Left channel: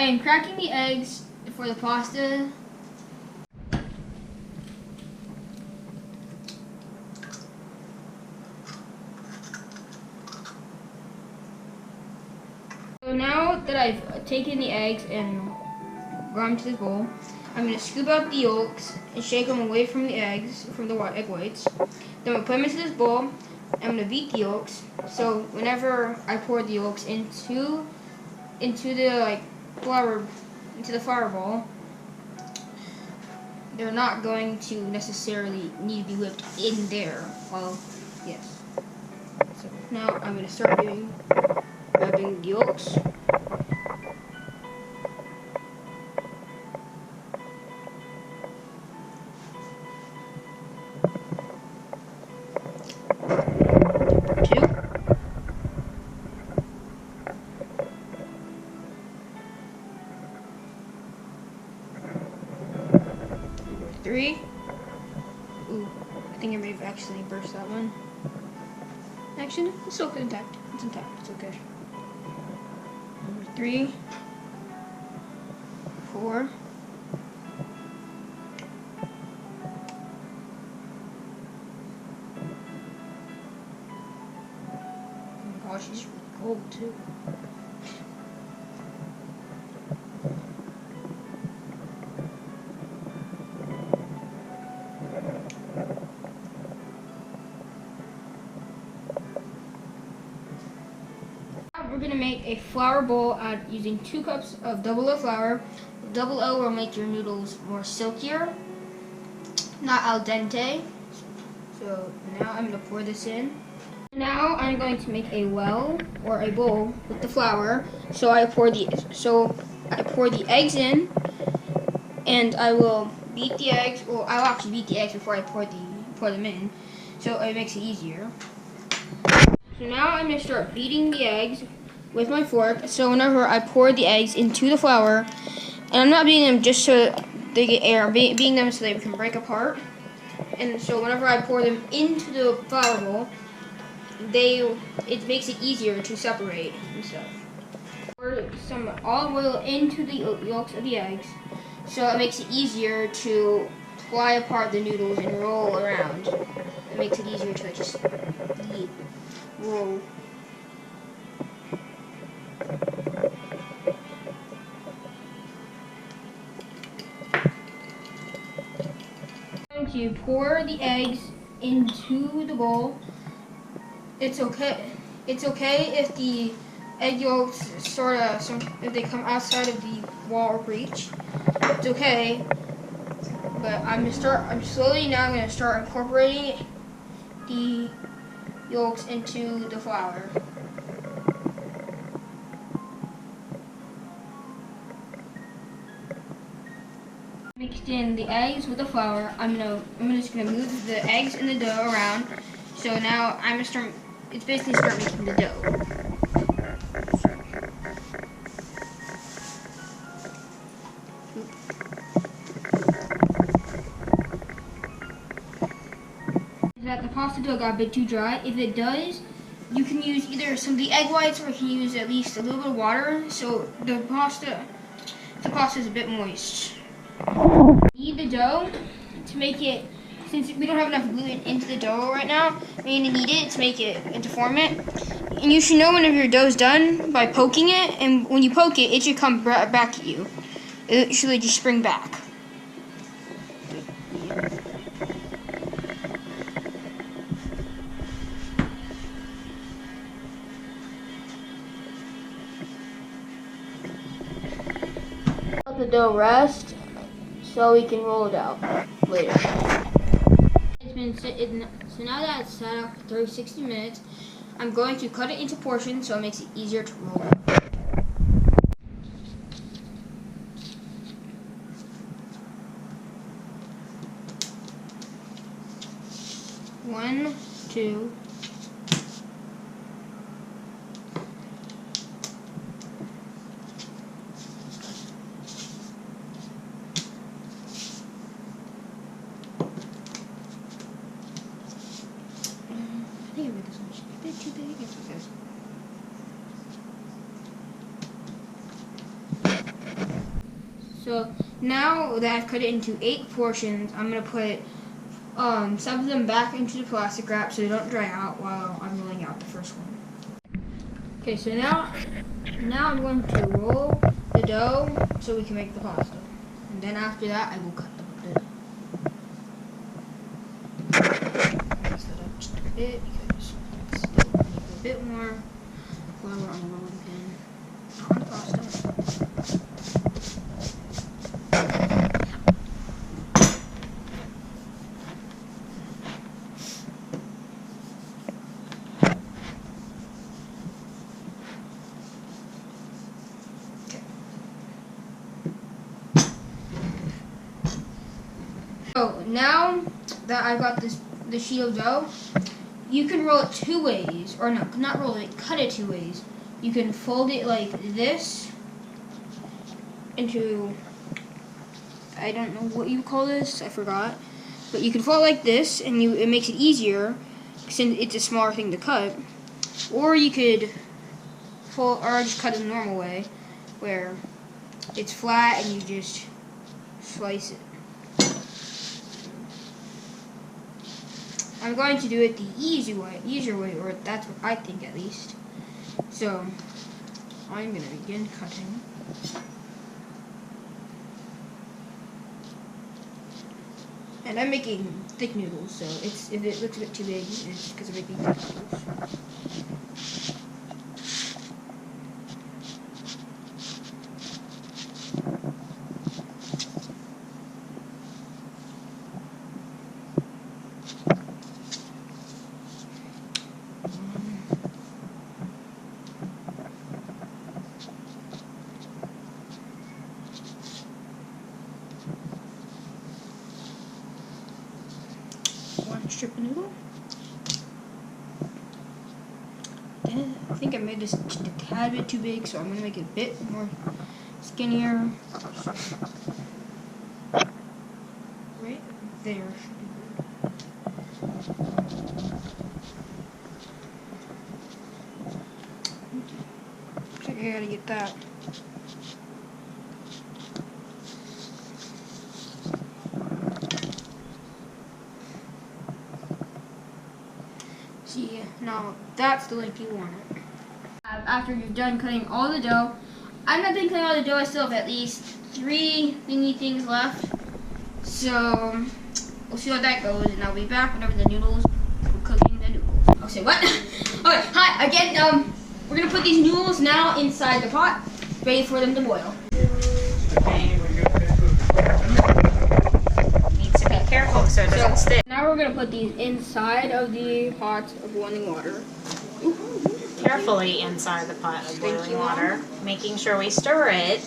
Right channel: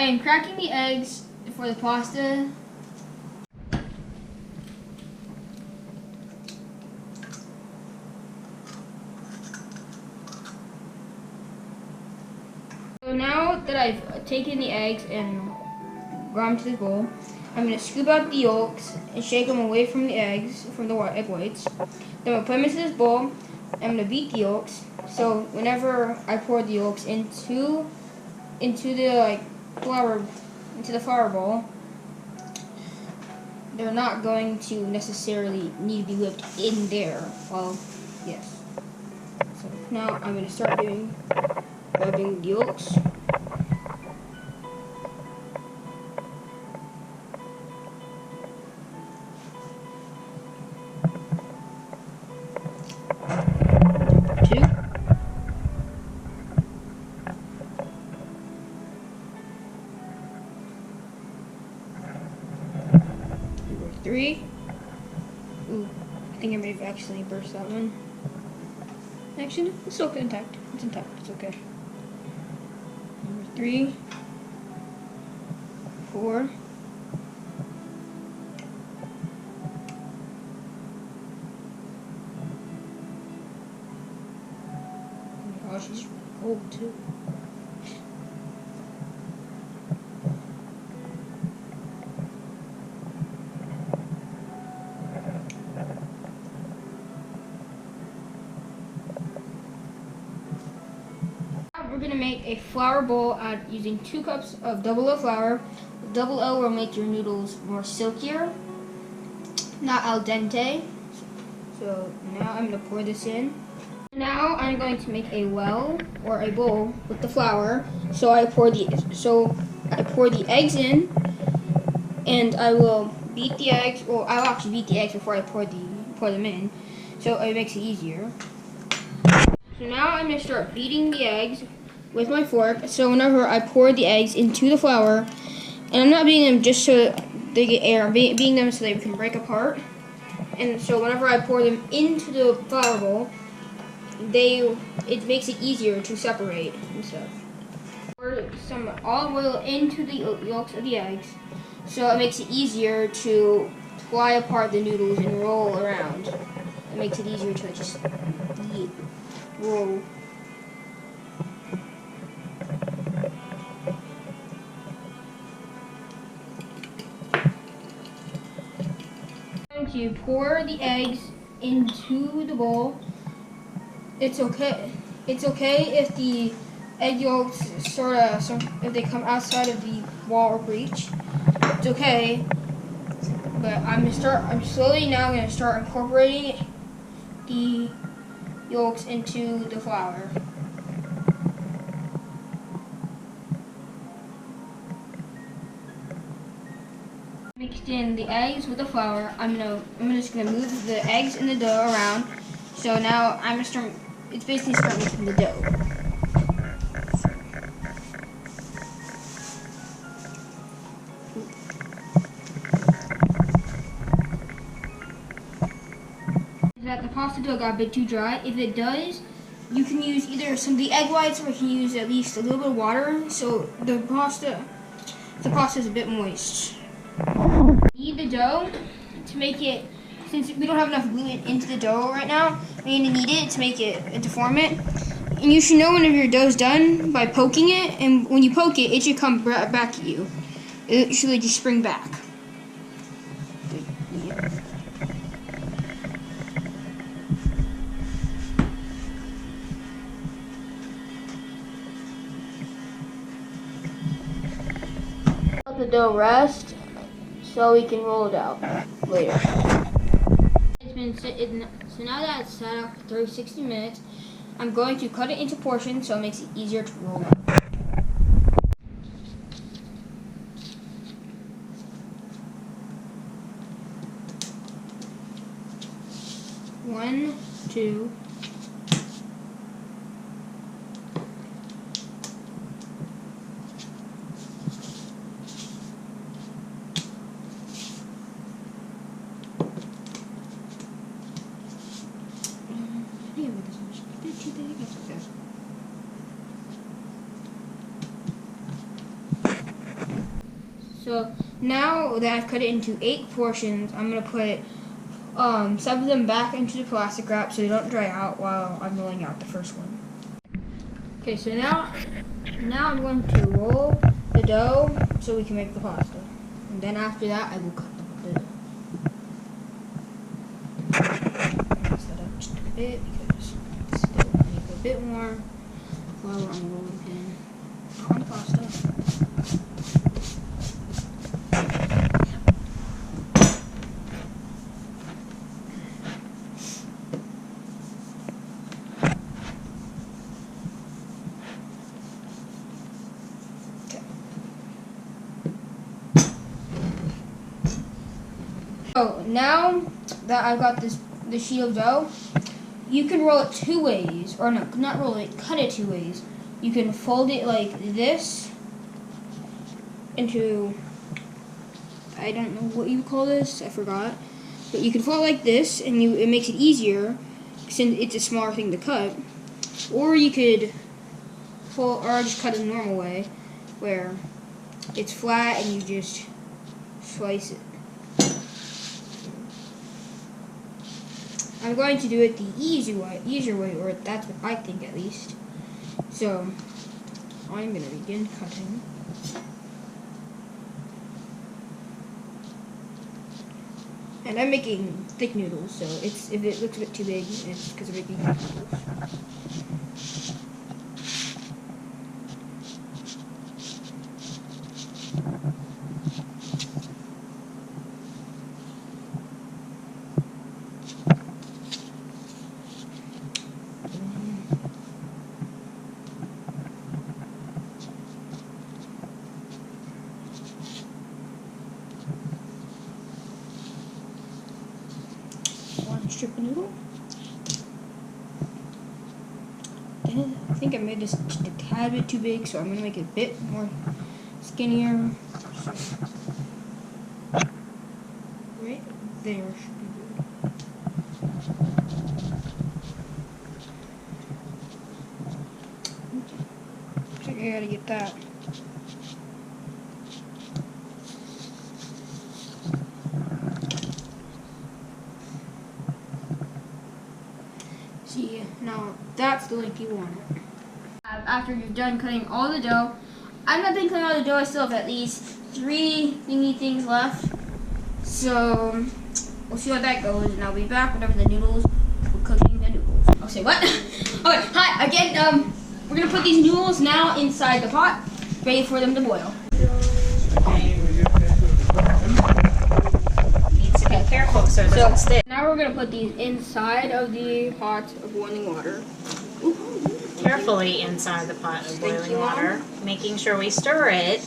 I am cracking the eggs for the pasta. So now that I've taken the eggs and brought them to this bowl, I'm going to scoop out the yolks and shake them away from the eggs, from the egg whites. Then I'm going to put them into this bowl. I'm going to beat the yolks. So whenever I pour the yolks into the flour bowl, they're not going to necessarily need to be whipped in there. Well, yes. So now I'm going to start rubbing the yolks. Number 2. Number 3. Ooh, I think I may have actually burst that one. Actually, it's still intact. It's intact. It's okay. Number 3, 4. Oh my gosh, she's really cold too. We're going to make a flour bowl using 2 cups of double O flour. Double O will make your noodles more silkier, not al dente. So now I'm going to pour this in. Now I'm going to make a well or a bowl with the flour. So I pour the eggs in, and I will beat the eggs. Well, I'll actually beat the eggs before I pour them in, so it makes it easier. So now I'm going to start beating the eggs with my fork. So whenever I pour the eggs into the flour, and I'm not beating them just so they get air, I'm beating them so they can break apart. And so whenever I pour them into the flour bowl, it makes it easier to separate and stuff. Pour some olive oil into the yolks of the eggs, so it makes it easier to pry apart the noodles and roll around. It makes it easier to just roll. I'm going to pour the eggs into the bowl. It's okay if the egg yolks if they come outside of the wall or breach. It's okay, but I'm slowly now going to start incorporating the yolks into the flour. Mixed in the eggs with the flour. I'm just gonna move the eggs and the dough around. So now it's basically start making the dough. That the pasta dough got a bit too dry. If it does, you can use either some of the egg whites, or you can use at least a little bit of water, so the pasta is a bit moist. Knead the dough to make it, since we don't have enough gluten into the dough right now, we need to knead it to make it and to form it. And you should know whenever your dough's done by poking it, and when you poke it, it should come back at you. It should just spring back. Let the dough rest so we can roll it out later. So now that it's sat out for 60 minutes, I'm going to cut it into portions so it makes it easier to roll out. One, two. I think I made this one just a bit too big. It's okay. So now that I've cut it into 8 portions, I'm gonna put some of them back into the plastic wrap so they don't dry out while I'm rolling out the first one. Okay, so now I'm going to roll the dough so we can make the pasta. And then after that, I will cut the dough. Mix that up just a bit because still need a bit more flour on the rolling pin. Not on the pasta. So now that I've got the sheet of dough, you can roll it 2 ways, or no, not roll it, cut it 2 ways. You can fold it like this into, I don't know what you call this, I forgot, but you can fold it like this, and it makes it easier since it's a smaller thing to cut. Or you could fold, or just cut it the normal way, where it's flat and you just slice it. I'm going to do it the easier way, or that's what I think at least. So, I'm going to begin cutting. And I'm making thick noodles, so if it looks a bit too big, it's because I'm making thick noodles. One strip of noodle. Then I think I made this just a tad bit too big, so I'm gonna make it a bit more skinnier. So, right there should be good. So I gotta get that. See, now that's the length you want it. After you're done cutting all the dough, I'm not done cutting all the dough, I still have at least 3 thingy things left. So, we'll see how that goes, and I'll be back whenever the noodles, we're cooking the noodles. I'll say what? Okay, hi, again, we're gonna put these noodles now inside the pot, ready for them to boil. Be careful so it doesn't stick. Now we're going to put these inside of the pot of boiling water. Carefully inside the pot of boiling water, making sure we stir it